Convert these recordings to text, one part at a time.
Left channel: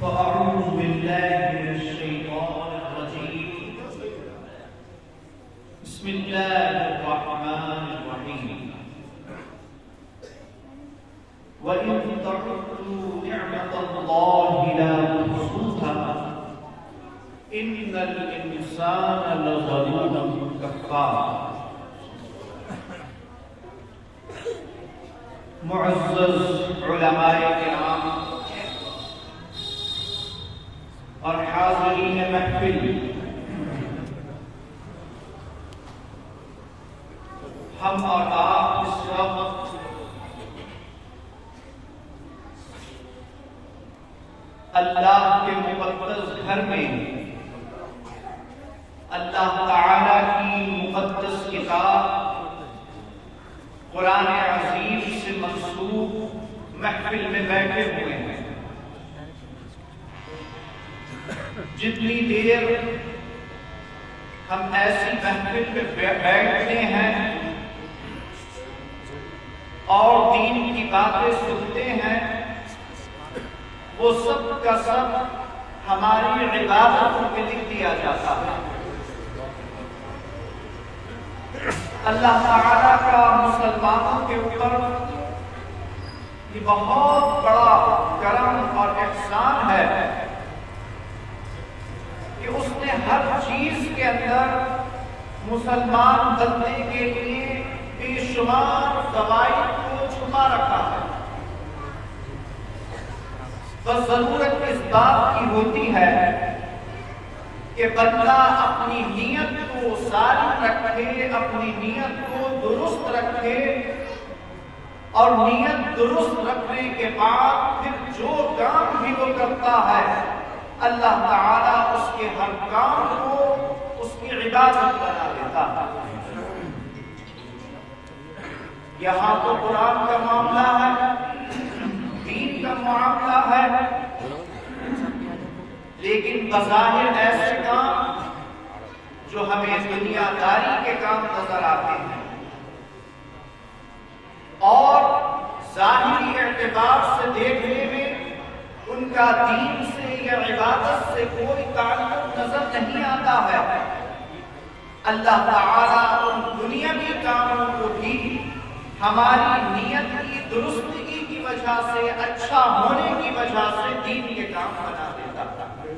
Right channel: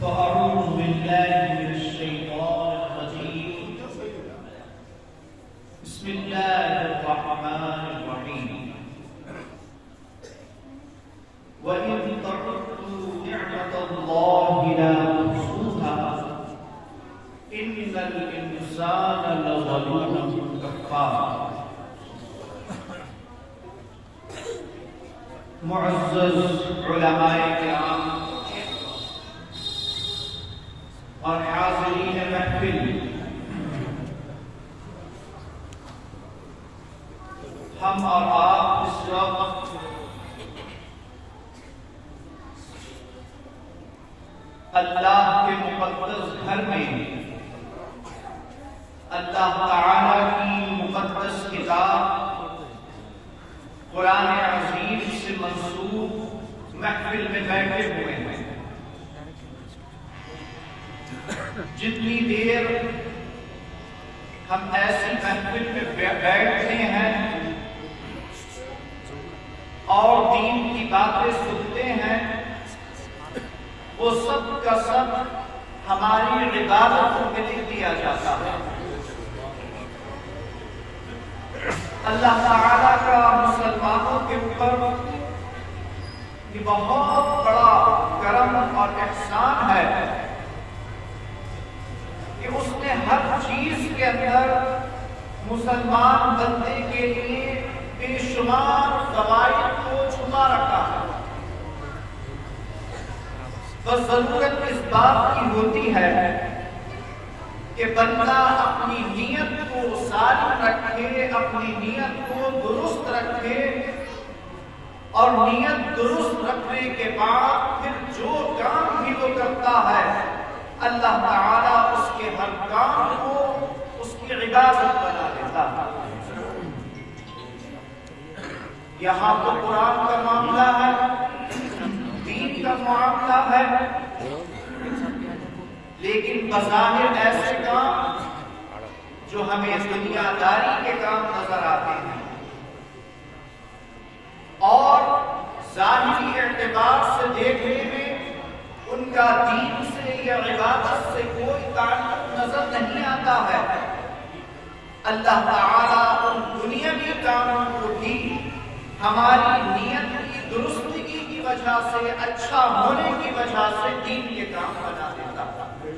فأعوذ بالله من الشيطان الرجيم. بسم الله الرحمن الرحيم. وإن تعدوا نعمة الله لا تحصوها إن الإنسان لظلوم كفار. معزز علماء کرام اور حاضرین محفل، ہم اور آپ اس وقت اللہ کے مقدس گھر میں اللہ تعالی کی مقدس کتاب قرآن عظیم سے منسوب محفل میں بیٹھے ہوئے ہیں. جتنی دیر ہم ایسی محفل میں بیٹھتے ہیں اور دین کی باتیں سنتے ہیں، وہ سب کا سب ہماری عبادتوں میں لکھ دیا جاتا ہے. اللہ تعالیٰ کا مسلمانوں کے اوپر یہ بہت بڑا کرم اور احسان ہے کہ اس نے ہر چیز کے اندر مسلمان بندے کے لیے بے شمار فوائد کو چھپا رکھا ہے. بس ضرورت اس بات کی ہوتی ہے کہ بندہ اپنی نیت کو سالم رکھے، اپنی نیت کو درست رکھے، اور نیت درست رکھنے کے بعد پھر جو کام بھی وہ کرتا ہے اللہ تعالیٰ اس کے ہر کام کو اس کی عبادت بنا دیتا ہے. یہاں تو قرآن کا معاملہ ہے، دین کا معاملہ ہے، لیکن بظاہر ایسے کام جو ہمیں دنیا داری کے کام نظر آتے ہیں اور ظاہری اعتبار سے دیکھنے میں ان کا دین سے یا عبادت سے کوئی تعلق نظر نہیں آتا ہے. اللہ تعالیٰ ان دنیاوی کاموں کو بھی ہماری نیت کی درستگی کی وجہ سے، اچھا ہونے کی وجہ سے دین کے کام بنا دیتا ہے.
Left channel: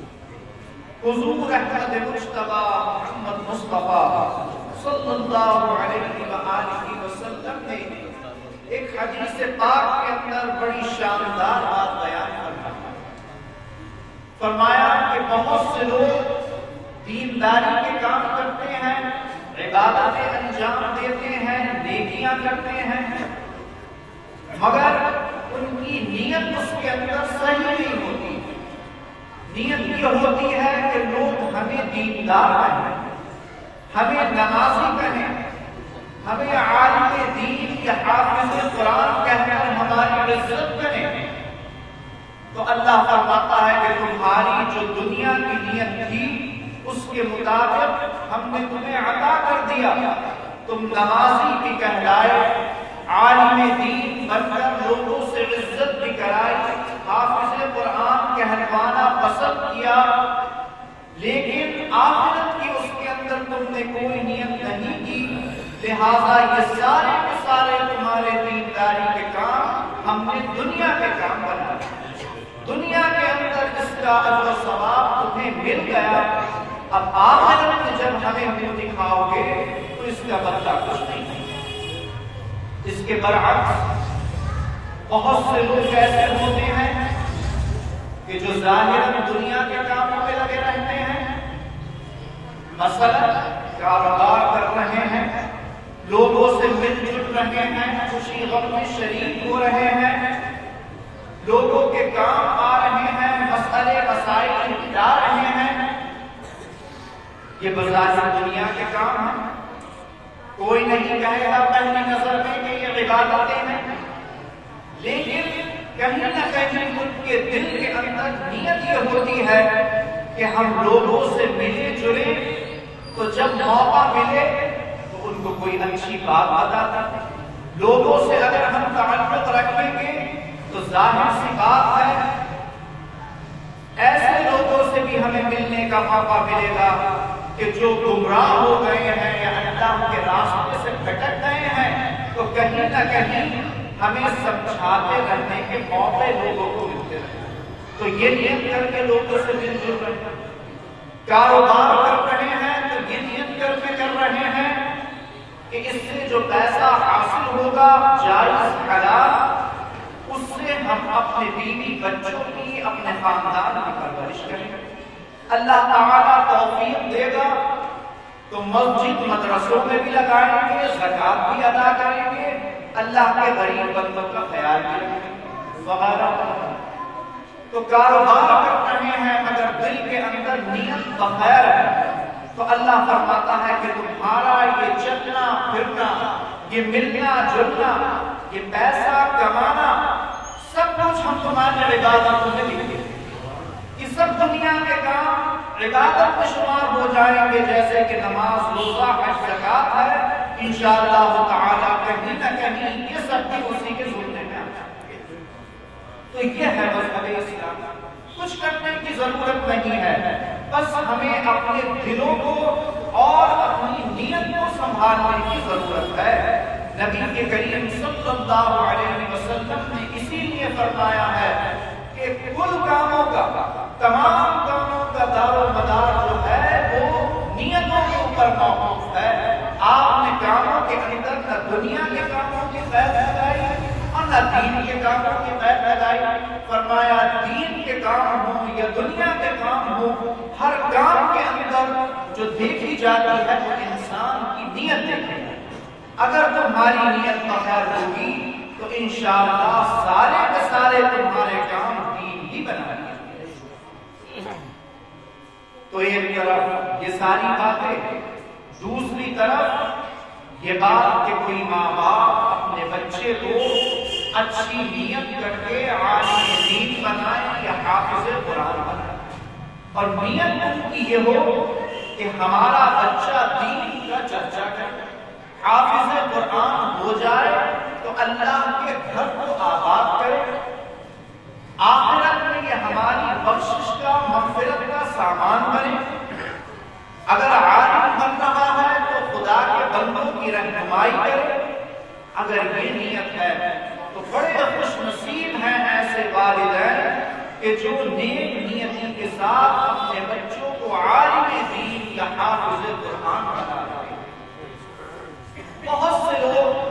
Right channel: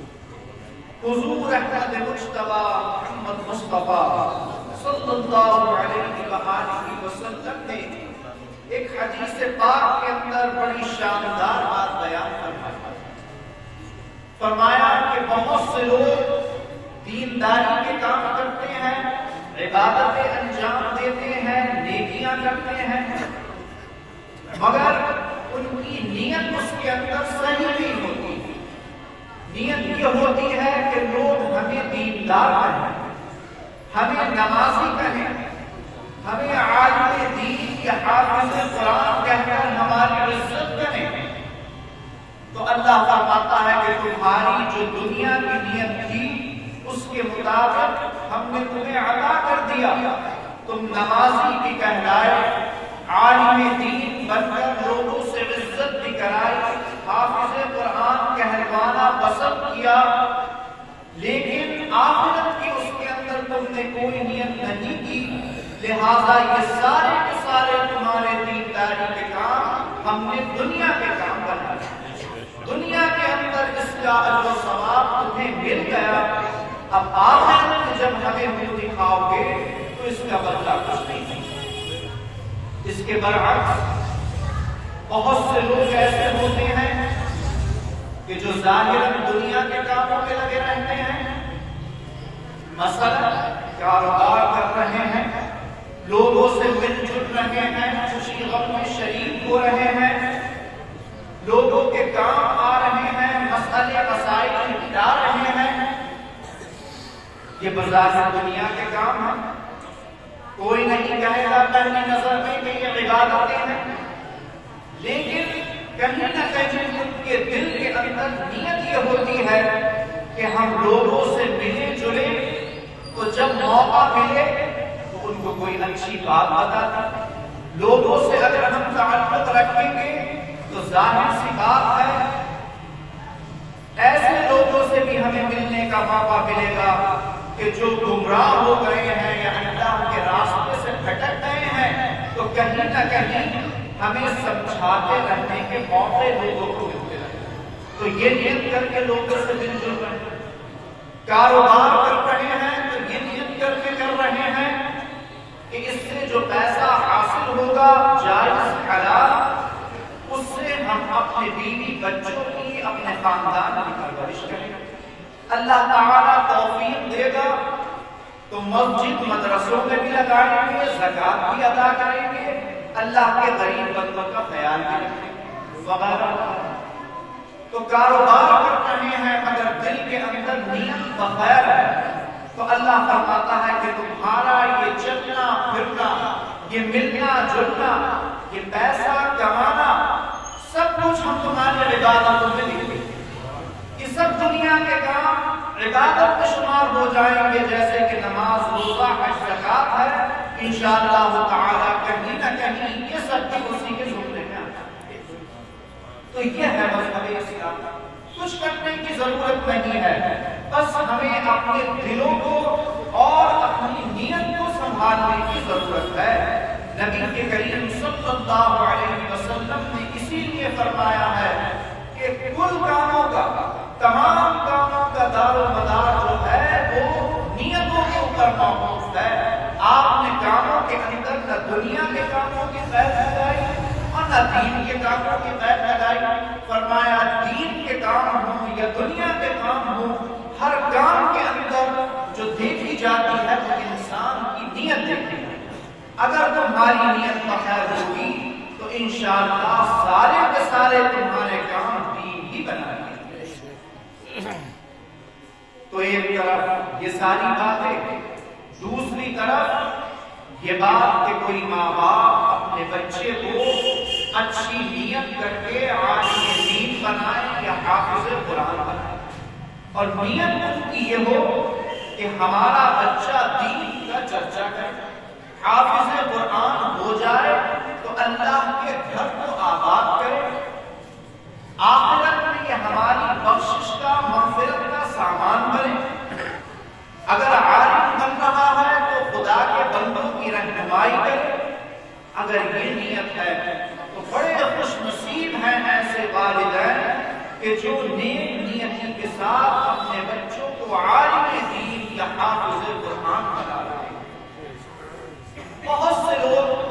حضور احمد مجتبی محمد مصطفیٰ صلی اللہ علیہ وآلہ وسلم نے ایک حدیث پاک کے اندر بڑی شاندار بات بیان فرمایا کہ بہت سے لوگ دینداری کے کام کرتے ہیں، عبادتیں انجام دیتے ہیں، نیکیاں کرتے ہیں، مگر ان کی نیت اس کے اندر صحیح نہیں ہوتی. نیت یہ ہوتی ہے کہ لوگ ہمیں دیندار کہیں، ہمیں نمازی کہیں، ہمیں عالم دین یا حافظ قرآن کہہ کر ہماری عزت کریں. تو اللہ فرماتا ہے کہ تمہاری جو دنیا کی نیت تھی اس کے مطابق ہم نے تمہیں عطا کر دیا. تم نمازی بھی کہلائے، عالم دین بن کر لوگوں سے عزت بھی کرائی، حافظ قرآن کہلوانا پسند کیا، لیکن آخرت کی اس کے اندر تم نے کوئی نیت نہیں کی. لہذا یہ سارے کے سارے تمہارے دینداری کے کام ہم نے دنیا کے کام بنا. دنیا کے اندر اس کا اجر و ثواب تمہیں مل گیا، اب آخرت میں جب ہمیں مل دکھاؤ گے تو اس کا بدلہ کچھ نہیں. اس کے برعکس بہت سے لوگ ایسے ہوتے ہیں کہ جو ظاہراً دنیا کے کاموں پہ لگے رہتے ہیں، مثلا کاروبار کر رہے ہیں، لوگوں سے مل جل رہے ہیں، خوشی غم میں شریک ہو رہے ہیں، لوگوں کے کام آ رہے ہیں، مسئلے مسائل نپٹا رہے ہیں. یہ بظاہر دنیا کے کام ہیں. کوئی نہیں کہے گا پہلی نظر میں کہ یہ عبادتیں ہیں، لیکن کہیں نہ کہیں ان کے دل کے اندر نیت یہ ہوتی ہے کہ ہم لوگوں سے ملے جلے تو جب موقع ملے تو ان کو کوئی اچھی بات بتاتا. لوگوں سے اگر ہم تعلق رکھیں گے تو ظاہر سی بات ہے کہ جو گمراہ ہو گئے ہیں یا اللہ کے راستے سے بھٹک گئے ہیں تو کہیں نہ کہیں ہمیں سمجھاتے رہنے کے موقع لوگوں کو ملتے رہے. تو یہ نیت کر کے لوگوں سے مل جل رہے ہیں. کاروبار کر رہے ہیں تو یہ نیت کر کے کر رہے ہیں کہ اس سے جو پیسہ حاصل ہوگا جائز حلال، اس سے ہم اپنے بیوی بچوں کی، اپنے خاندان کی پرورش کریں گے. اللہ تعالیٰ توفیق دے گا تو مسجد مدرسوں میں بھی لگائیں گے، زکات بھی ادا کریں گے، اللہ کے غریب بندوں کا خیال بھی رکھیں گے وغیرہ. تو کاروبار کر رہے ہیں مگر دل کے اندر نیت بخیر ہے تو اللہ فرماتا ہے کہ تمہارا یہ چلنا پھرنا، یہ ملنا جلنا، یہ پیسہ کمانا، سب کچھ ہم تمہارے عبادتوں میں لکھ دیں گے. یہ سب دنیا کے کام عبادت میں شمار ہو جائیں گے، جیسے کہ نماز، روزہ، حج، زکات ہے. انشاءاللہ تعالیٰ کہیں نہ کہیں یہ سب بھی اسی کے زمرے میں آتے ہیں. تو یہ ہے مذہب اسلام. کچھ کرنے کی ضرورت نہیں ہے، بس ہمیں اپنے دلوں کو اور اپنی نیت کو سنبھالنے کی ضرورت ہے. نبی کے کریم صلی اللہ علیہ وسلم نے اسی لیے فرمایا ہے کہ کل کاموں کا، تمام کاموں کا دار و مدار جو ہے وہ نیتوں کے اوپر موقوف ہے. آپ نے کاموں کے اندر نہ دنیا کے کاموں کی قید لگائی اور نہ دین کے کاموں کی قید لگائی. فرمایا دین کے کام ہوں یا دنیا کے کام ہوں، ہر کام کے اندر جو دیکھی جاتی ہے وہ انسان کی نیت دیکھی ہے. اگر تمہاری نیت بخیر ہوگی تو انشاءاللہ سارے کے سارے تمہارے کام دین ہی بنائیں گے. تو ایک طرف یہ ساری باتیں، دوسری طرف یہ بات کہ کوئی ماں باپ اپنے بچے کو اچھی نیت کر کے عالم دین بنائے یا حافظ قرآن بنائے، اور نیت ان کی یہ ہو کہ ہمارا بچہ دین کا چرچا کرے، حافظ قرآن ہو جائے تو اللہ کے گھر کو آباد کرے، آخرت میں یہ ہماری بخشش کا، مغفرت کا سامان بنے. اگر عالم بن رہا ہے تو خدا کے بندوں کی رہنمائی کرے. اگر یہ نیت ہے تو بڑے خوش نصیب ہیں ایسے والدین کہ جو نیک نیتی کے ساتھ اپنے بچوں کو عالم دین یا حافظ قرآن بنا رہے ہیں. بہت سے لوگ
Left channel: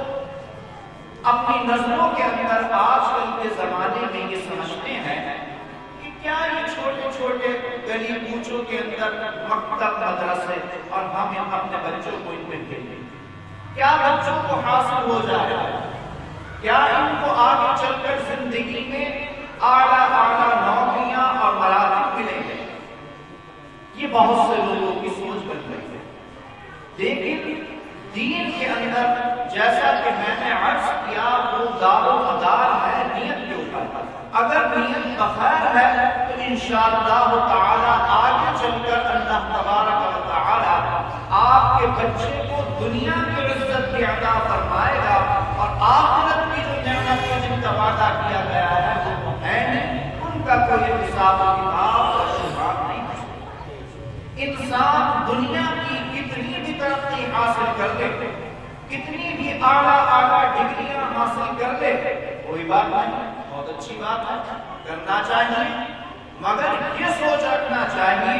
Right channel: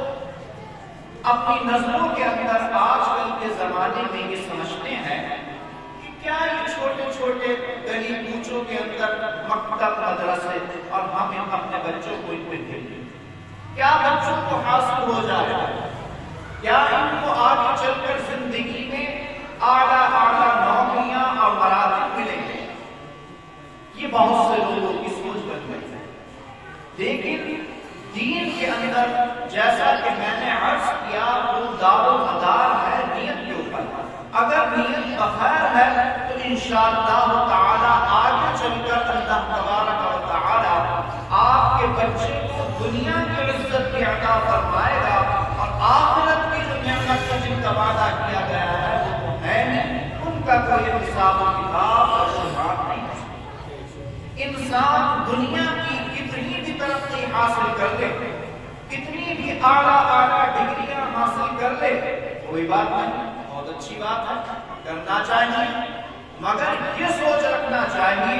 اپنی نظروں کے اندر آج کل کے زمانے میں یہ سمجھتے ہیں کہ کیا یہ چھوٹے چھوٹے گلی کوچوں کے اندر مکتب مدرسے اور ہم اپنے بچوں کو ان میں بھیجیں، کیا بچوں کو حاصل ہو جائے گا؟ کیا ان کو آگے چل کر زندگی میں اعلیٰ نوکریاں اور مراتب ملیں گے؟ یہ بہت سے لوگ اس سوچ بن گئے ہیں. لیکن دین کے اندر جیسا کہ میں نے عرض کیا وہ دار و مدار ہے نیت کے اوپر. اگر نیت بخیر ہے تو انشاءاللہ تعالی آگے چل کر اللہ تبارک و تعالی آپ کے بچے کو دنیا کی عزت بھی عطا فرمائے گا، اور آخرت کی جو نعمت کا جن کا وعدہ کیا گیا ہے وہ ہے نہیں، ان کا کوئی حساب کتاب اور حساب نہیں ہے. انسان دنیا کی کتنی بھی ترقی حاصل کر لے، کتنی بھی اعلیٰ ڈگریاں حاصل کر لے، کوئی بات نہیں، بہت اچھی بات ہے، کرنا چاہیے، مگر یہ سوچ رکھنا چاہیے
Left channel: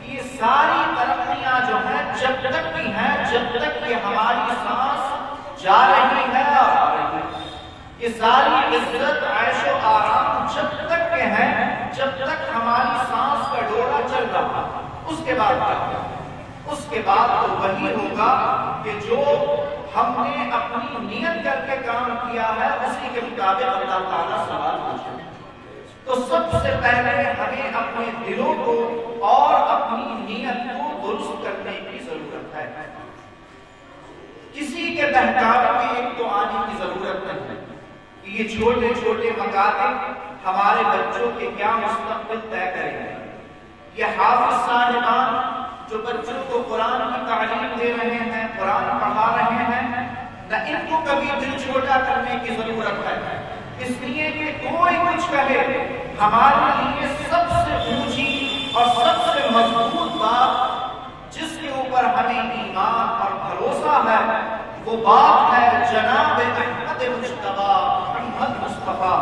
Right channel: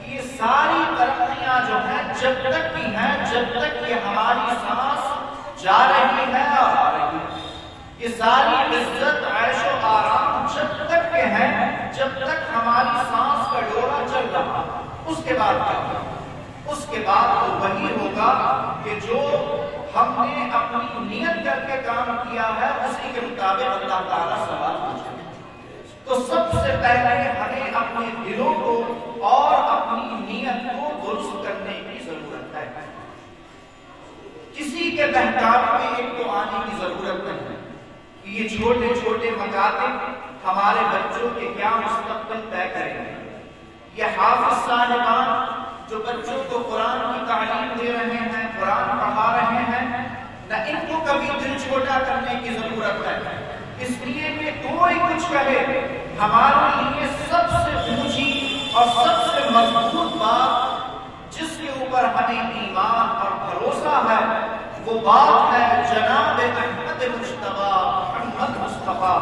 کہ یہ ساری ترقیاں جو ہیں جب تک بھی ہیں، جب تک یہ ہماری سانس جا رہی ہے اور آ رہی ہے، یہ ساری عزت، عیش و آرام جب تک کے ہیں، جب تک ہماری سانس کا ڈورا چل رہا ہے. اس کے بعد کیا ہوگا؟ اس کے بعد تو وہی ہوگا کہ جو ہم نے اپنی نیت کر کے کام کیا ہے اسی کے مطابق اللہ تعالیٰ سوال پوچھے. تو سب سے پہلے ہمیں اپنے دلوں کو اور اپنی نیت کو درست کرنے کی ضرورت ہے. کسی کے بہکاوے میں ایک تو آنے کی ضرورت نہیں ہے کہ یہ چھوٹے چھوٹے مکاتب ہمارے بچوں کے کیا مستقبل طے کریں گے. یہ حافظ صاحبان جو بچوں کو قرآن کی تعلیم دے رہے ہیں، قرآن پڑھا رہے ہیں، نہ ان کو کبھی دل چھوٹا کرنے کی ضرورت ہے، اس لیے کہ کوئی کچھ کہے، ہمارے لیے سب سے اونچی اور سب سے مضبوط بات جس کے بات ہے جناب احمد مجتبی محمد مصطفیٰ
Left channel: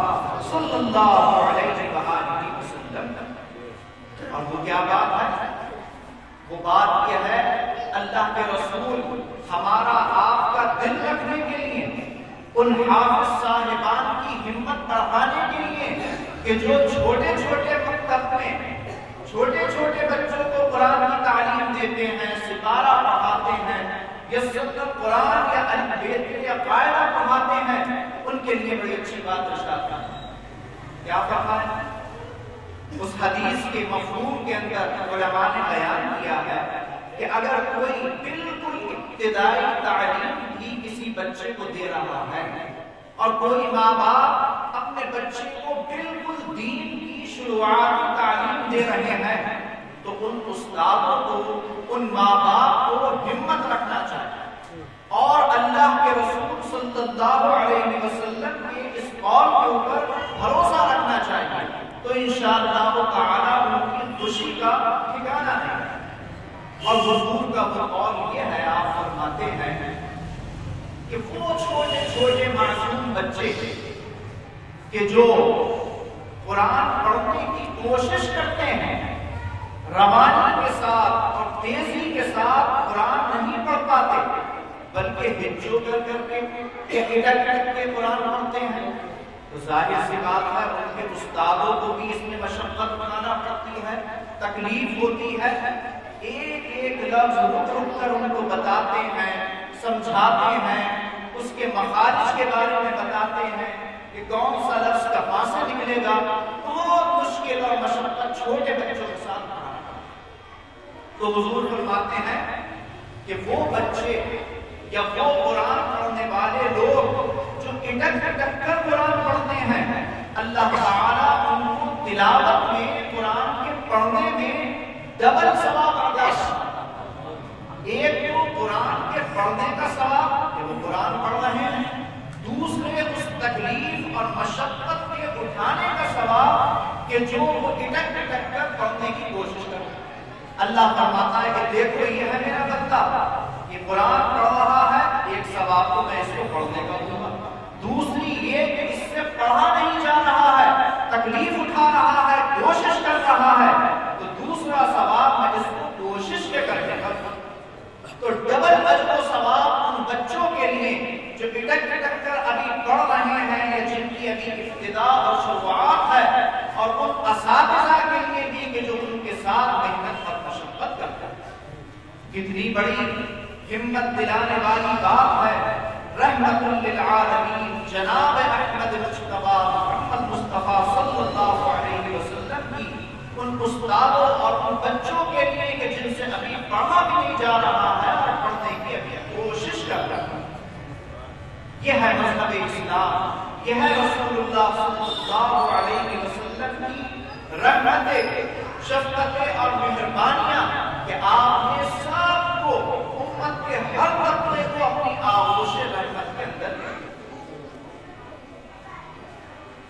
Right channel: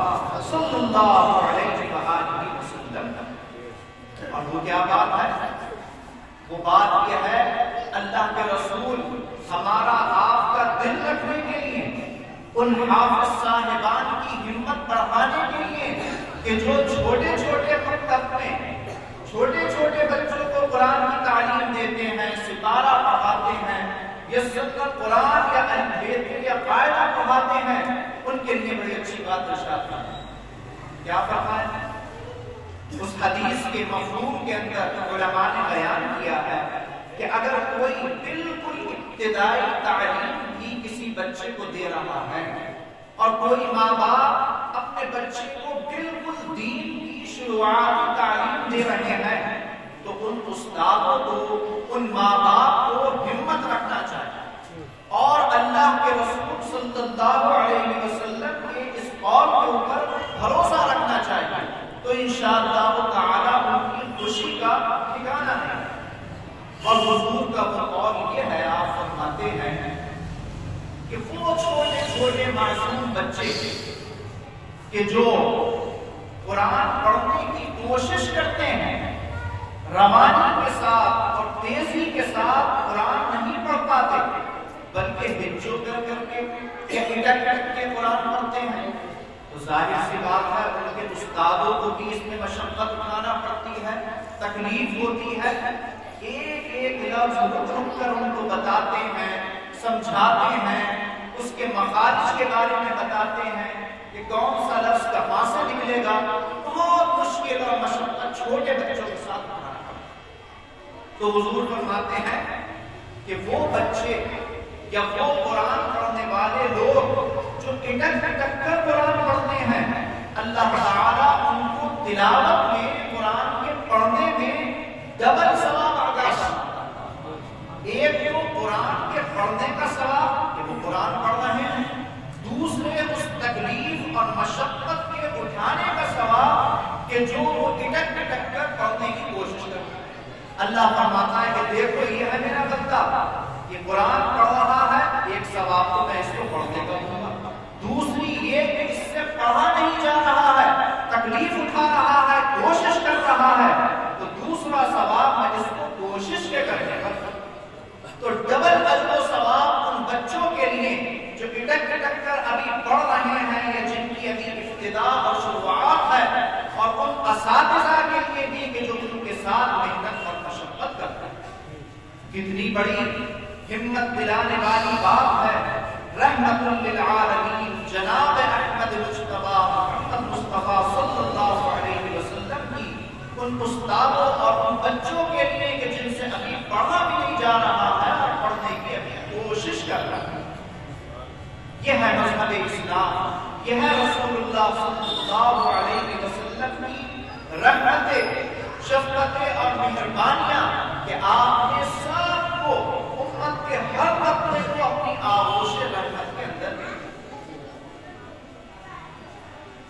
صلی اللہ علیہ وآلہ وسلم. اور وہ کیا بات ہے؟ وہ بات یہ ہے اللہ کے رسول ہمارا آپ کا دل رکھنے کے لیے، ان حافظ صاحبان کی ہمت بڑھانے کے لیے کہ جو چھوٹے چھوٹے مکتب میں چھوٹے چھوٹے بچوں کو قرآن کی تعلیم دیتے ہیں، سپارہ پڑھاتے ہیں، یا سنت قرآن یا البیت یا قاعدہ پڑھاتے ہیں، ان کے لیے بڑی اچھی بات ارشاد فرمایا. کیا فرمایا؟ اس حدیث کے مفہوم کے اندر علماء نے بیان کیا ہے کہ اگر کوئی بالکل ابتدائی تعلیم بھی کسی بچے کو دے رہا ہے اور کوئی ماں باپ اپنے بچے کو بالکل دین کی شروعاتی تعلیم دے رہے ہیں تو ان استادوں کو، ان ماں باپ کو ہمت رکھنا چاہیے اور اللہ کے رسول صلی اللہ علیہ وسلم کے اس قول کے اوپر بھروسہ رکھنا چاہیے، تو انشاءاللہ تعالی ان کی خوشی کا ٹھکانہ نہیں. اور حضور کا وہ قول یہ ہے، آپ فرماتے ہیں کہ وہ چھوٹے چھوٹے معصوم بچے کہ جو قرآن پڑھنے کی کوشش کرتے ہیں، روانی کے ساتھ اور تیزی کے ساتھ قرآن نہیں پڑھ پاتے بلکہ ہچو کر کے اٹک کے قرآن پڑھتے ہیں، تو ظاہر سی بات ہے ان کے استادوں کو بھی اس میں مشقت اٹھانا پڑتی ہے، تکلیف ہوتی ہے. ایک ایک لفظ رک کر ان کو بتاتے ہیں، سمجھاتے ہیں، اس کے مخارج کے بارے میں بتاتے ہیں کہ کون سا لفظ کہاں سے نکلے گا. بہت مشکل اور مشقت چھوٹے بچوں کے ساتھ اٹھانا پڑتا ہے. تو حضور فرماتے ہیں کہ وہ بچے یا وہ قرآن پڑھنے والے لوگ جو اٹک کر قرآن پڑھتے ہیں، اللہ تعالیٰ ان کو تلاوت میں، قرآن کے پڑھنے میں ڈبل ثواب عطا کرتا ہے. ایک تو قرآن کے پڑھنے کا ثواب کہ وہ قرآن پڑھ رہے ہیں، دوسرے اس تکلیف اور مشقت کے اٹھانے کا ثواب کہ جو وہ اٹک کر پڑھنے کی کوشش کرتے ہیں. اللہ فرماتا ہے کہ دیکھو یہ ہے میرا بندہ، یہ قرآن پڑھ رہا ہے، ایک ثواب تو میں اس کو پڑھنے کا دوں گا، دوسری یہ کہ اس سے پڑھا نہیں جا رہا ہے، تکلیف اٹھا رہا ہے، کوشش کر رہا ہے، تو دوسرا ثواب میں اس کو کوشش کے کرنے کا. تو ڈبل اجر و ثواب ان بچوں کے لیے جو اٹک کر ابھی پڑھ رہے ہیں یا جن کی ابھی ابتدا اور شروعات ہے، اور ان اساتذہ کے لیے بھی کہ جو ان کے ساتھ محنت اور مشقت کرتے ہیں. کتنی بڑی ہمت دلانے والی بات ہے. رحمت للعالمین جناب احمد مجتبی محمد مصطفیٰ صلی اللہ علیہ وسلم کی ان استادوں اور ان بچوں کے لیے کہ جن سے ابھی پڑھا بھی نہیں جا رہا ہے اور پڑھنے کی ابھی کوشش کر رہا ہے. یہ ہے مذہب اسلام، یہ ہے رسول اللہ صلی اللہ علیہ وسلم کی رحمتیں، شفقتیں اور مہربانیاں کہ آپ نے سب کو، امت کے ہر مطلب کو اپنی آغوش رحمت کے اندر لے.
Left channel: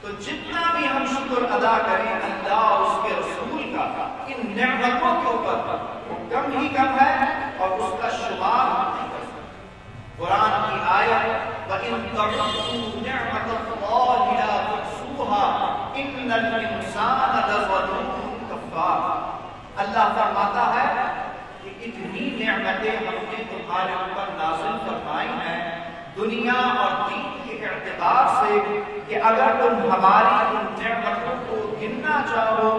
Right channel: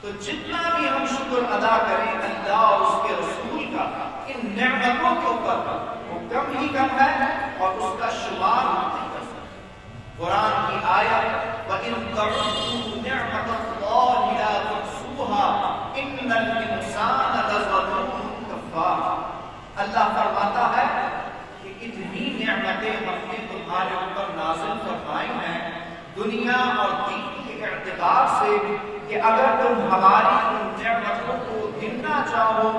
تو جتنا بھی ہم شکر ادا کریں اللہ اور اس کے رسول کا ان نعمتوں کے اوپر، وہ کم ہی کم ہے اور اس کا شمار نہیں کر سکتے. قرآن کی آیت وَإِن تَعُدُّوا نِعْمَتَ اللَّهِ لَا تُحْصُوهَا إِنَّ الْإِنسَانَ لَظَلُومٌ كَفَّارٌ. اللہ فرماتا ہے کہ اتنی نعمتیں ہم نے تمہارے اوپر نازل فرمائی ہیں دنیا اور دین کے اعتبار سے کہ اگر تم ہماری ان نعمتوں کو گننا چاہو،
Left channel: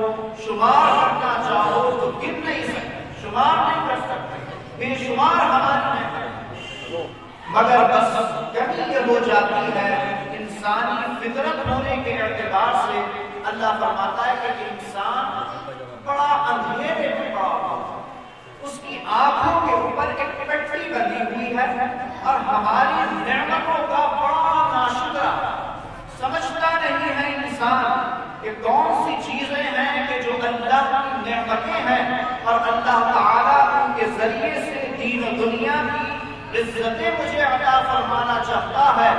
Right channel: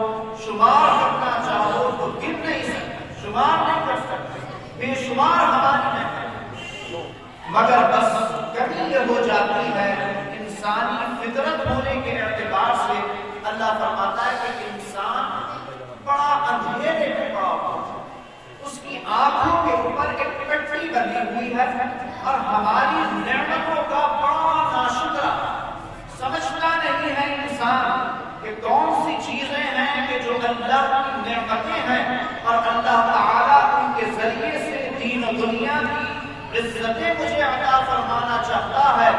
شمار کرنا چاہو تو گن نہیں سکتے، شمار نہیں کر سکتے. بے شمار ہماری نعمتیں، مگر بس کمی یہ ہو جاتی ہے انسانی فطرت ہونے کے اعتبار سے. اللہ فرماتا ہے کہ انسان بڑا اندھیرے میں پڑا ہوا ہے، اس کی آنکھوں کے اوپر ایک پٹی بندھی ہوئی ہے اور ہماری نعمتوں کا بڑا ناشکرا، سمجھتا نہیں ہے انسان کہ کون سی چیزیں ہیں کہ جو اللہ کی نعمتیں ہیں اور اللہ تعالیٰ ان کے ذریعے سے دین و دنیا کی عزتیں مجھے عطا فرمانا چاہتا ہے،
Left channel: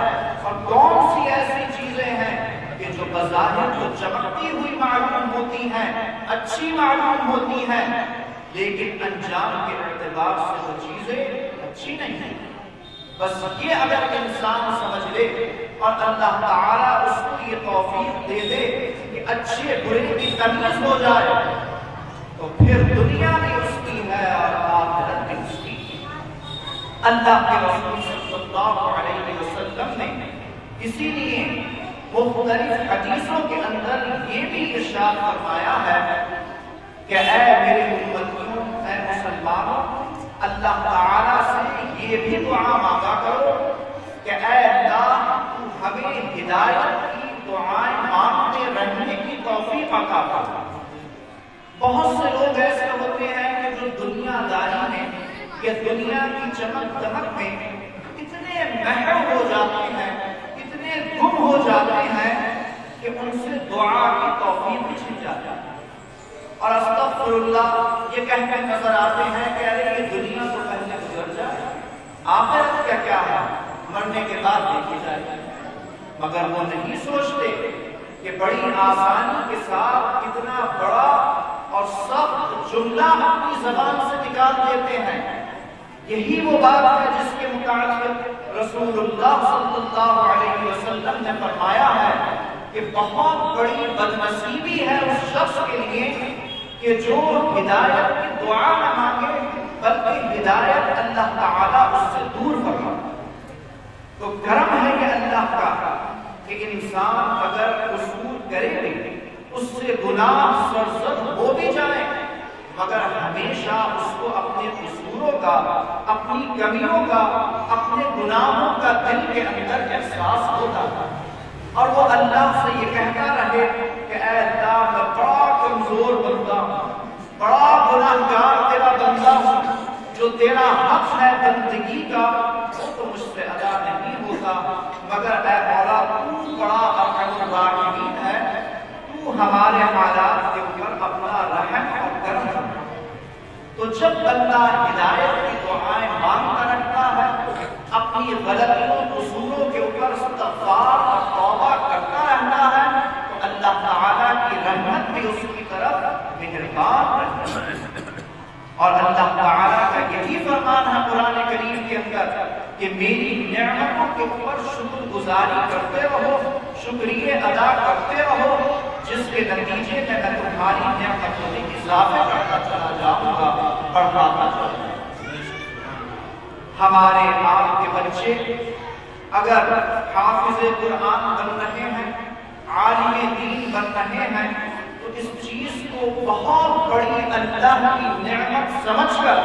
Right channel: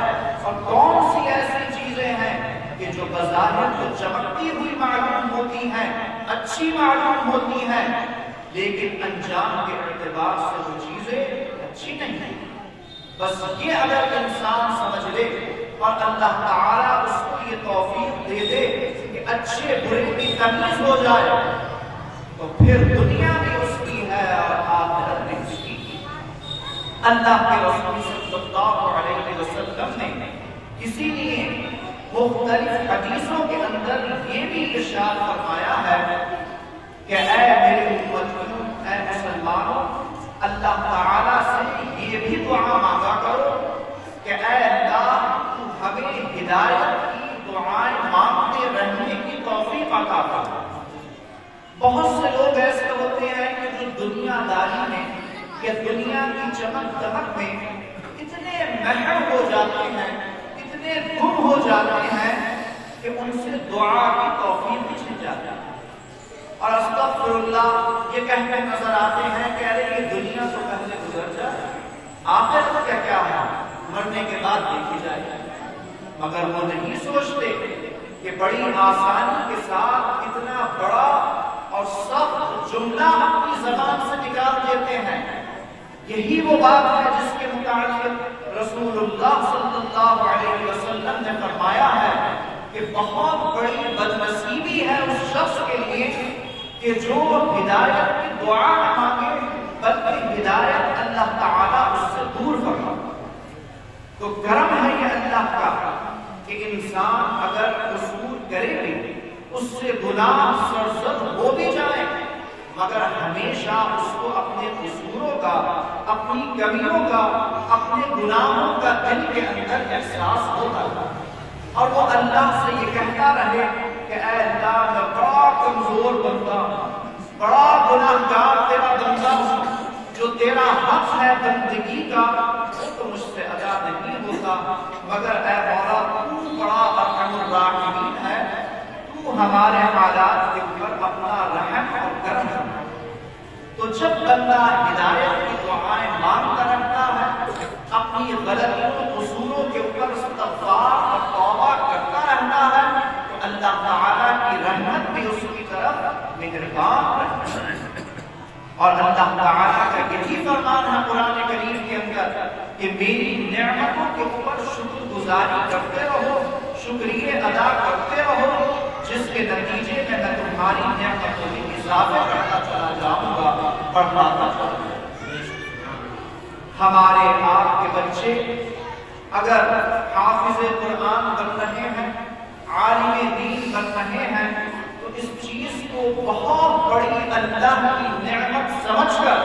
اور کون سی ایسی چیزیں ہیں کہ جو بظاہر تو چمکتی ہوئی معلوم ہوتی ہیں، اچھی معلوم ہوتی ہیں، لیکن انجام کے اعتبار سے وہ چیزیں اچھی نہیں ہیں. بس یہ اگر انسان سمجھ لے اور اللہ تعالیٰ اس کو یہ توفیق دے دے کہ اچھے برے کی تمیز ہو جائے تو پھر دنیا میں اس کی ہے اور آخرت میں اس کی۔ اللہ کے رسول صلی اللہ علیہ وسلم نے اسی لیے مختلف حدیثوں کے اندر یہ بھی ارشاد فرمایا ہے کہ اے میرے امتیوں، اے مسلمانوں، اللہ تعالیٰ سے یہ بھی دعا مانگا کرو کہ اے اللہ تو ہمیں ہدایت کی دعائیں مانگتے رہنے کی توفیق عطا فرما۔ بہت سے لوگ ایسے ہوتے ہیں کہ جو دنیا داری میں یا دنیا کی چمک دمک میں اتنے محو ہو جاتے ہیں، اتنے گم ہو جاتے ہیں کہ ان سے دعا کی توفیق چھن جاتی ہے اور استغفر اللہ یہ کہہ کے نظر آتے ہیں کہ ارے یہ دنیا تو پہلے گزر جائے، آخرت کا کیا ہے، مرنے کے بعد دیکھی جائے، مگر وہ نہیں سوچتے کہ بڑی آسانی کے ساتھ اتنا بڑا اور سخت جملہ اپنی زبان سے نکال دیتے ہیں۔ یہی وہ بات ہے جس کے متعلق رسول اللہ صلی اللہ علیہ وسلم نے فرمایا ہے کہ بہت بڑی بدنصیبی ہے اس شخص کے لیے کہ جو ہدایت کی دعا نہ مانگے بلکہ ہدایت اللہ تعالیٰ اس سے دور فرما۔ تو کرم ہے یہ اللہ کا کہ انسان اگر قصور کرے بھی اس سے گناہ سرزد ہو بھی جائے مگر ہمیشہ اس کو اپنے قصوروں کا، اپنی کمیوں کا، اپنے گناہوں کا دل کے اندر احساس ہوتا ہے اور وہ اللہ سے یہ کہتا رہے کہ اے اللہ میں بڑا کمزور بندہ ہوں، بڑا گناہگار تیرا بندہ ہوں، جو تیرا حق ہے بندگی کا وہ تو مجھ سے ادا نہیں ہوتا، مگر اے مولا تو بڑا ارحم الراحمین ہے، تو ہمارے حالات کے اوپر اپنا رحم اور کرم کرنا۔ تو جب بندہ ہدایت کی دعائیں مانگتا رہتا ہے، اپنی غلطیوں قصوروں کے اوپر استغفار اور توبہ کرتا رہتا ہے تو اللہ تعالیٰ کی رحمت بھی اس کی طرف مہربان رہتا ہے۔ اور اللہ تعالیٰ کا یہی فرمان ہے قرآن کریم کے اندر کہ میری نعمتوں کے اوپر شکر گزاری کرتے رہو، شکریہ ادا کرتے رہو، جس کے نتیجے میں تمہاری نعمتوں میں اضافہ کرتا چلا جاؤں گا، بڑھاتا چلا جاؤں گا۔ ہمارے آپ کے بچے اگر حافظ قرآن بن رہے ہیں، عالم دین بن رہے ہیں تو اس چیز کو بہت بڑی اللہ کی نعمت سمجھ کر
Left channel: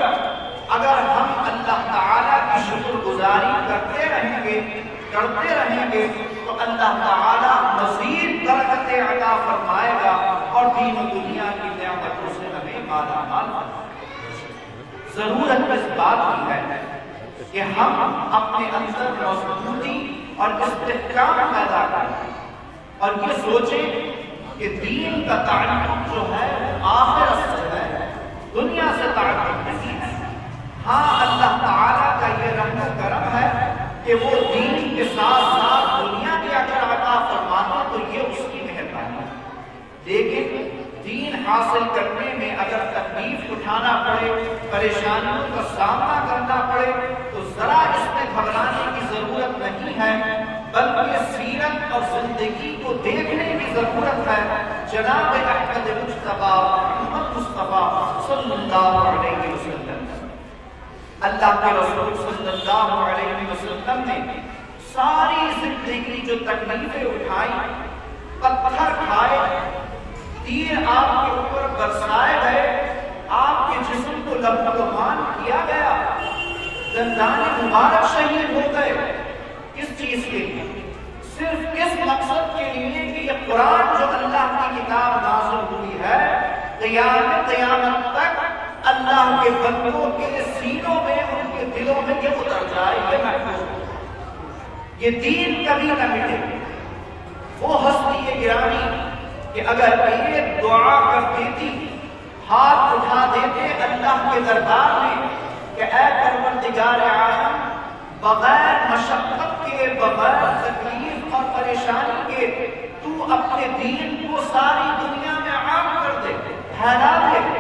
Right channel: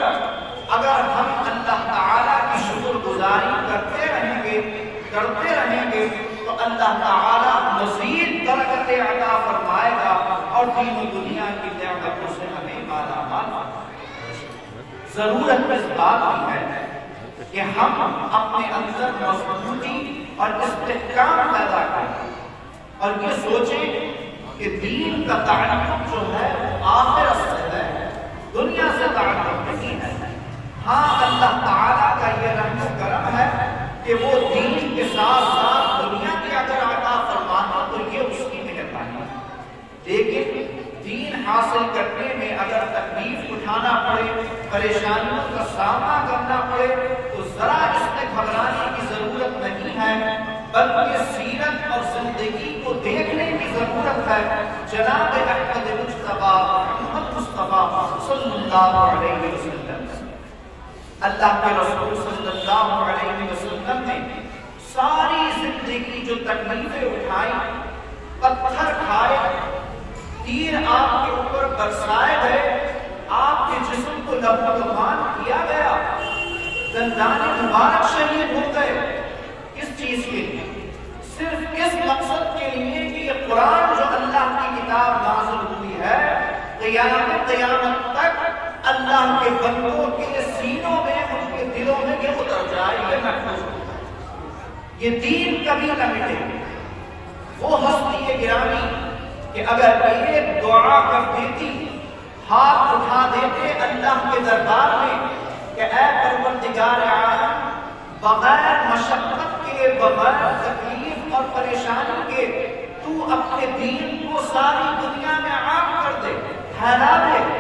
اگر ہم اللہ تعالیٰ کی شکر گزاری کرتے رہیں گے تو اللہ تعالیٰ مزید برکتیں عطا فرمائے گا اور دین و دنیا کی نعمتوں سے ہمیں مالا مال فرمائے۔ ضرورت اس بات کی ہے کہ ہم اپنے اندر مضبوطی اور استحکام پیدا کریں اور یہ سوچیں کہ دین کا تعلق جو ہے آخرت سے ہے، دنیا سے تعلق نہیں ہے۔ ہاں اللہ تعالیٰ کا یہ رحم و کرم ہے کہ وہ دین کے ساتھ ساتھ دنیا کی اگر عطا فرمانا تو یہ اس کی مہربانی ہے، لیکن دین حاصل کرنے میں اگر تکلیف اٹھانا پڑے، پریشانیوں کا سامنا کرنا پڑے تو ذرا اس میں گھبرانے کی ضرورت نہیں ہے، بلکہ سیرت اور زندگی کو دیکھنے کی ضرورت ہے۔ جناب احمد مجتبیٰ محمد مصطفیٰ صلی اللہ علیہ وسلم، اللہ کے رسول صلی اللہ علیہ وسلم نے ساری زندگی جو تکلیفیں اٹھائیں، پتھر کھائے، تیر آپ کے اوپر برسائے گئے، آپ کے جسم کو لہو لہان کیا گیا، دندان مبارک شہید ہو گئے، کس چیز کے لیے؟ صرف اس مقصد کے لیے کہ یہ قرآن جو اللہ کی کتاب نازل ہوئی ہے قیامت تک اللہ کے بندوں کے سینوں میں، ان کے دلوں میں یہ اتر جائے، یہ محفوظ ہو، یہ دین کبھی نہ مٹے۔ وہ ہستی گرامی کہ اگر ایک دعا کر دیتی، ہاتھ اٹھا دیتے اللہ کے دربار میں کہ اے پروردگار عالم، بغیر مشقت کے، بغیر تکلیف اور پریشانی کے تو اپنے دین کو ساری دنیا میں عام کر دے، پھیلا دے،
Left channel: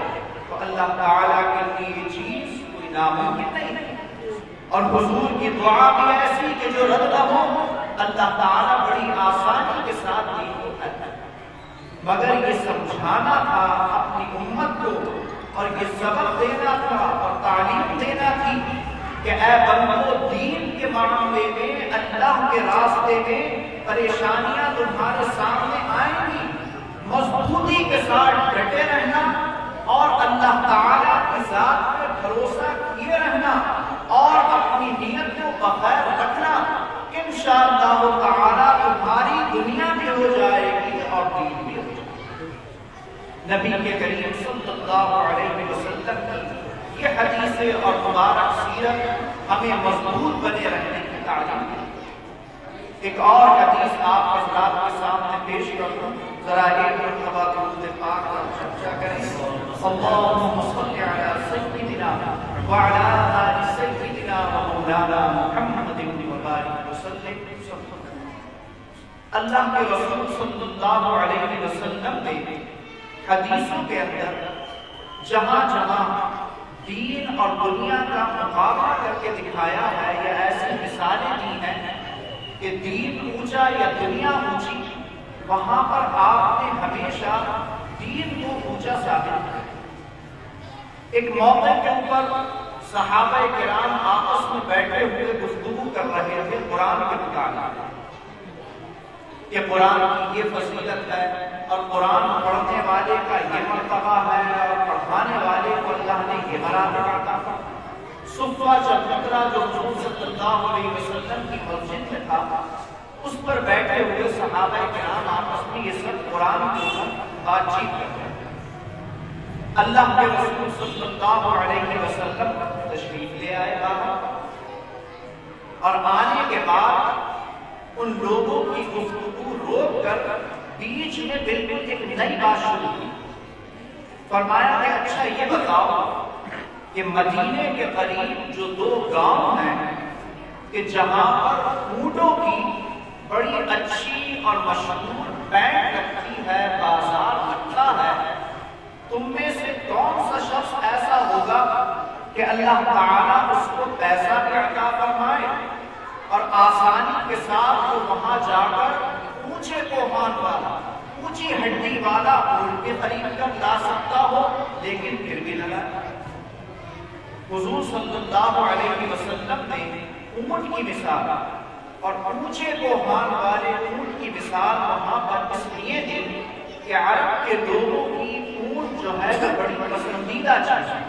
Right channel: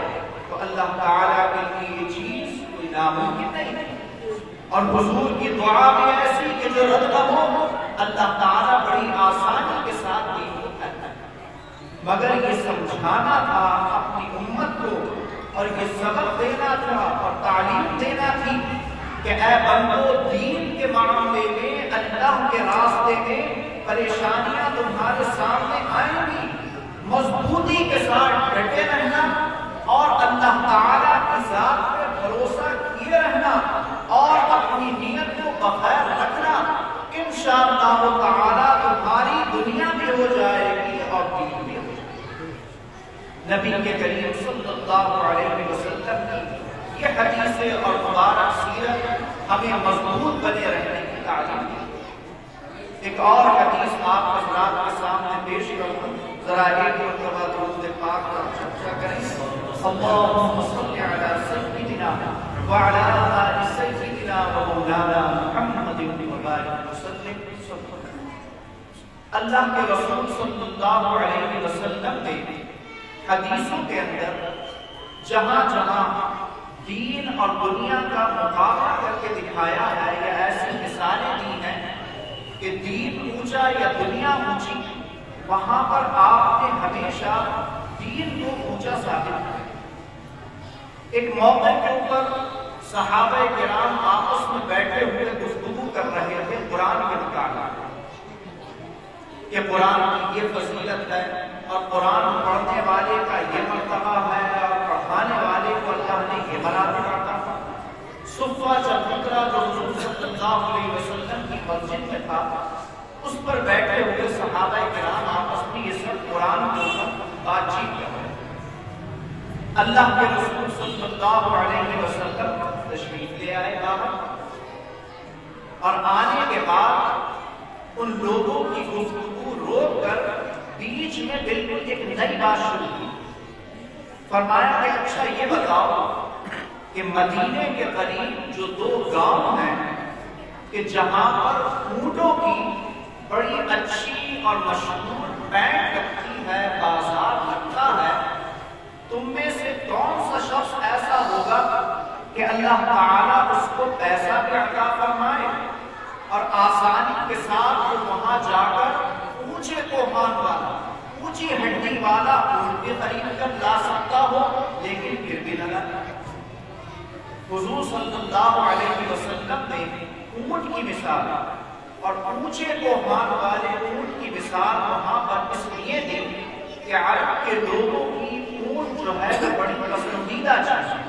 تو اللہ تعالیٰ کے لیے یہ چیز کوئی ناممکن نہیں ہے۔ اور اور حضور کی دعا بھی ایسی کہ جو رد نہ ہو، اللہ تعالیٰ بڑی آسانی کے ساتھ دین کو پھیلاتا ہے۔ مگر یہ سمجھانا تھا اپنی امت کو، اور یہ سبق دینا تھا اور تعلیم دینا تھی کہ اے بندو، دین کے معاملے میں، اللہ کے راستے میں پریشانیاں تمہارے سامنے آئیں گی، مضبوطی کے ساتھ ڈٹے رہنا اور اللہ تعالیٰ کی ذات پر بھروسہ کیے رہنا اور اپنی نیت کو بخیر رکھنا۔ انشاءاللہ تعالیٰ تمہاری دنیا بھی ہو جائے گی اور دین بھی ہو جائے گی۔ نبی کے کریم صلی اللہ علیہ وسلم کی یہ حدیث اور مبارک سیرت ہمیں مضبوط بنے رہنے کی تعلیم ہے۔ ایک اور حدیث آپ حضرات کے سامنے پیش کروں، ذرا ایک مرتبہ درود پاک پر چرچا کریں۔ اللہم صل علی سیدنا وعلی آل سیدنا ومولانا محمد وبارک وسلم۔ اللہ کے رسول صلی اللہ علیہ وسلم نے حدیثوں کے اندر جہاں جہاں دین اور دنیا کا مقابلہ کر کے دکھایا ہے یا ایسی مثالیں دی ہیں کہ دین اونچا یا دنیا اونچی، وہاں پر آپ نے ہمیشہ دین کو اونچا ثابت کیا۔ ایک موقع کے اوپر صحابہ کرام آپس میں بیٹھے ہوئے گفتگو کر رہے تھے قرآن کے متعلق کہ قرآن کی یہ فضیلت ہے اور قرآن پڑھنے والے کا یہ مرتبہ ہے اور پڑھانے والے کو اللہ نے یہ مراتب عطا فرمایا۔ صفہ چبوترا جو حضور صلی اللہ علیہ وسلم کی مسجد میں تھا، اس پر بیٹھے ہوئے صحابہ کرام آپس میں یہ سب قرآن کے اوپر بات چیت کر رہے ہیں۔ اللہ کے رسول صلی اللہ علیہ وسلم تشریف لے آئے باہر، اور آنے کے بعد ان لوگوں کی گفتگو روک کر بیچ میں بالکل ایک نئی بات شروع کی۔ فرمایا کہ اچھا یہ بتاؤ کہ مدینے کے قریب جو دو گاؤں ہیں کہ جہاں پر اونٹوں کی بڑی اچھی اور مشہور بینڈ لگتی ہے، بازار لگتا ہے، تم میں سے کون سا شخص ایسا ہوگا کہ اللہ تعالیٰ اس کو پیسہ بھی عطا فرمائے اور آسانی کے ساتھ وہ وہاں جا کر اونچے کوہان والا، اونچی ہڈی والا اونٹ بھی خرید کر لا سکتا ہو، لیکن پھر بھی لگا۔ حضور صلی اللہ علیہ وسلم نے اونٹ کی مثال اور اونچے کوہان والے اونٹ کی مثال وہاں پر اس لیے دی کہ عرب کے لوگوں کی اونٹ جو ہے وہ بڑی پسندیدہ چیز ہے۔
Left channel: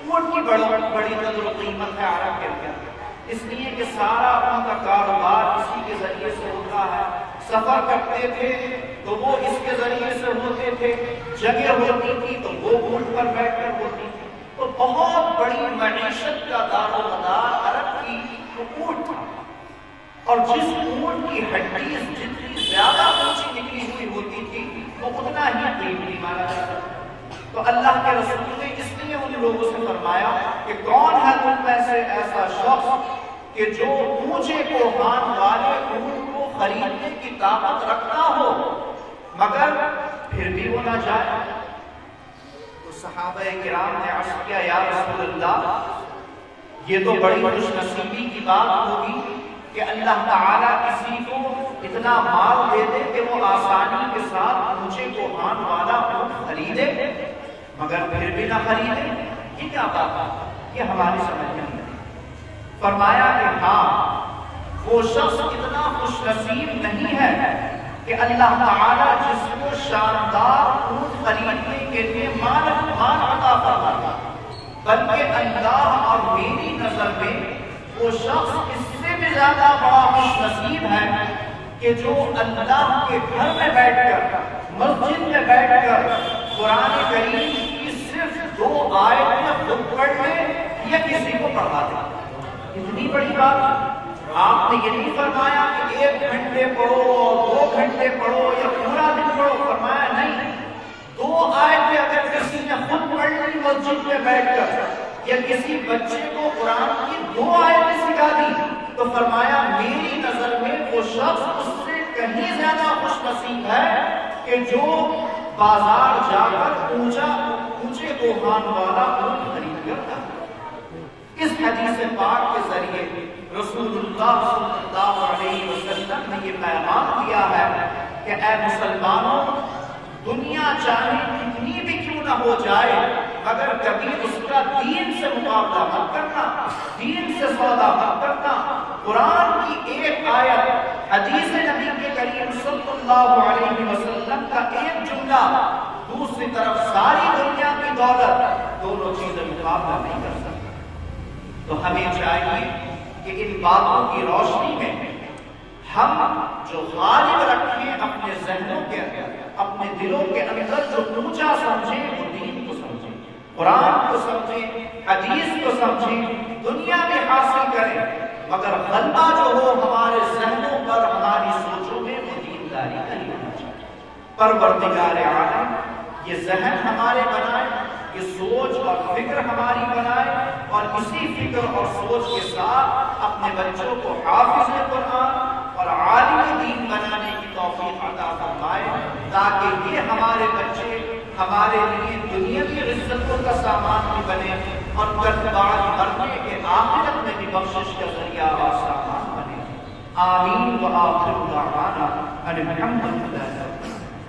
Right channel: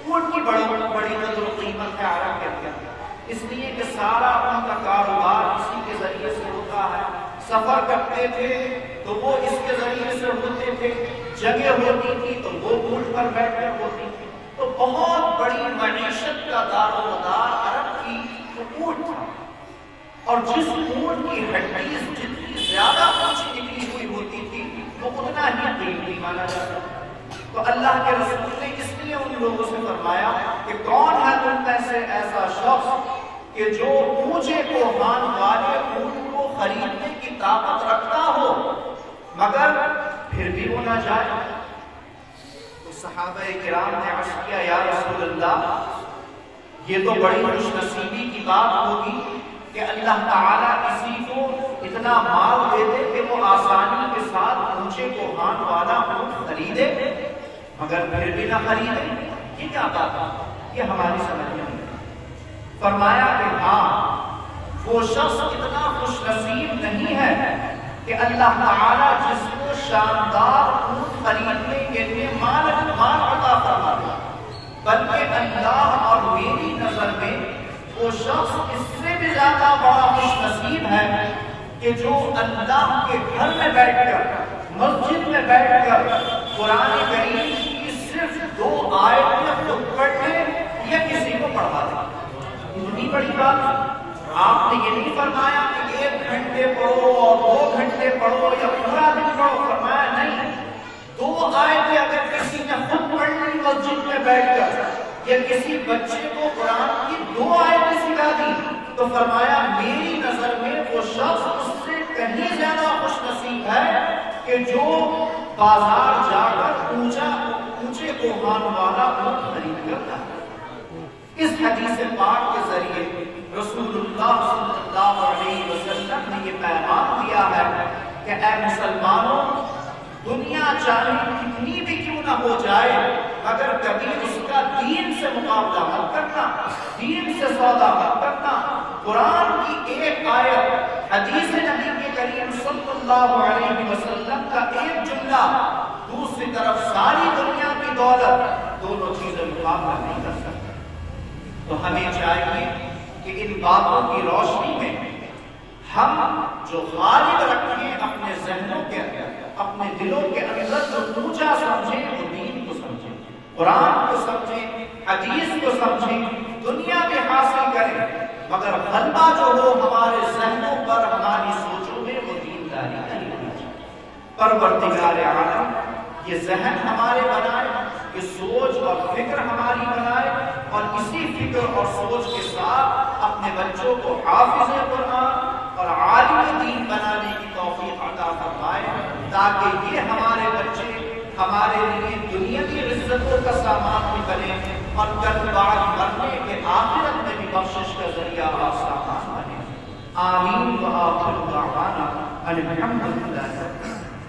اونٹ کی بڑی قدر و قیمت ہے عرب کے اندر، اس لیے کہ سارا ان کا کاروبار اسی کے ذریعے سے ہوتا ہے۔ سفر کرتے تھے تو وہ اس کے ذریعے سے ہوتے تھے، جگہ ہوتی تھی تو وہ اونٹ پر بیٹھ کر ہوتی تھی، تو بہت بڑی معیشت کا دار و مدار عرب کی اونٹ تھا، اور جس اونٹ کی ہڈی جتنی زیادہ اونچی نکلی ہوئی ہوتی تھی وہ اتنا ہی قیمتی مانا جاتا۔ تو اللہ کے رسول نے اس لیے ان لوگوں سے فرمایا کہ کون ہے تم میں سے ایسا شخص کہ جو اونچے کوہان والے اونٹ کو خریدنے کی طاقت رکھتا ہو مگر پھر بھی وہ نہ جائے۔ تو صحابہ کرام نے عرض کیا یا رسول اللہ، یہ تو بڑی خوش نصیبی کی بات ہوگی کہ اللہ تعالیٰ کسی کو اتنا مال دے دے کہ وہ آسانی کے ساتھ اونچے کوہان والا اونٹ خریدے مگر پھر بھی نہ خریدے، یہ کیا بات ہے؟ یہ ہماری سمجھ میں نہیں آئی۔ فرمایا کہ ہاں، وہ شخص اتنا خوش نصیب نہیں ہے کہ اللہ تعالیٰ جس کو شاندار اونٹ خریدنے کے لیے مال عطا فرماتا، بلکہ اللہ اور میری نظر میں وہ شخص اس سے بھی زیادہ بڑا خوش نصیب ہے کہ جو اللہ کے گھر میں بیٹھ کر، مسجد میں بیٹھ کر قرآن کریم کی صرف 2 آیتیں خود پڑھ لے یا کسی کو پڑھا دے۔ اتنی بڑی بات آپ نے یہ نہیں فرمایا کہ 1 گھنٹے پڑھو اور 2 گھنٹے پڑھو یا پورا دن پڑھو، فرمایا نہیں، 2 آیتیں اگر کسی نے خود پڑھ لی مسجد میں بیٹھ کر یا کسی بچے کو قرآن کی 2 آیتیں سکھا دی تو فرمایا میری نظر میں وہ شخص اس سے کہیں زیادہ خوش نصیب ہے کہ جو بازار جا کر اونچے کوہان والا اونٹ خرید کرتا ہے۔ اس حدیث پاک کے ذریعے اللہ صلی اللہ علیہ وسلم نے یہ پیغام دیا ہے کہ اے مسلمانوں، دنیا چاہے کتنی بھی کیوں نہ ہو جائے مگر کبھی اس کا دین سے مقابلہ مت کرنا، دین سے سودا مت کرنا۔ قرآن کی ایک آیت، حدیث نبی کے کریم صلی اللہ علیہ وسلم کا ایک جملہ، دوسری طرف ساری دنیا کی دولت، دونوں چیزیں مقابلہ نہیں کر سکتی۔ تو ہمیں چاہیے کہ ان باتوں کی روشنی میں ہم جو غالب رکھیں اپنے ذہنوں کے اندر، اپنے دلوں کے اندر، جو اونچا سمجھیں وہ دین کو سمجھیں، قرآن کو سمجھیں، حدیث کو سمجھیں، دنیا میں حاصل کریں، مگر غلبہ جو ہو ہمارے ذہنوں پر، ہماری سوچوں میں، وہ دینداری کا ہی ہونا چاہیے۔ پروردگار عالم یہ ذہن ہمارے بنائے، یہ سوچ اور فکر ہماری بنائے، اور اسی فکر اور سوچ کے ساتھ اپنے بچوں کو حافظ قرآن اور عالم دین بنانے کی توفیق عطا فرمائے، تاکہ یہ ہمارے بچے ہمارے لیے دنیاوی عزتوں کا سامان بھی بنے، اور کل بعد مرنے کے آخرت میں بھی بخشش کا ذریعہ اور سامان بنے۔ آمین و آخر دعوانا ان الحمد للہ۔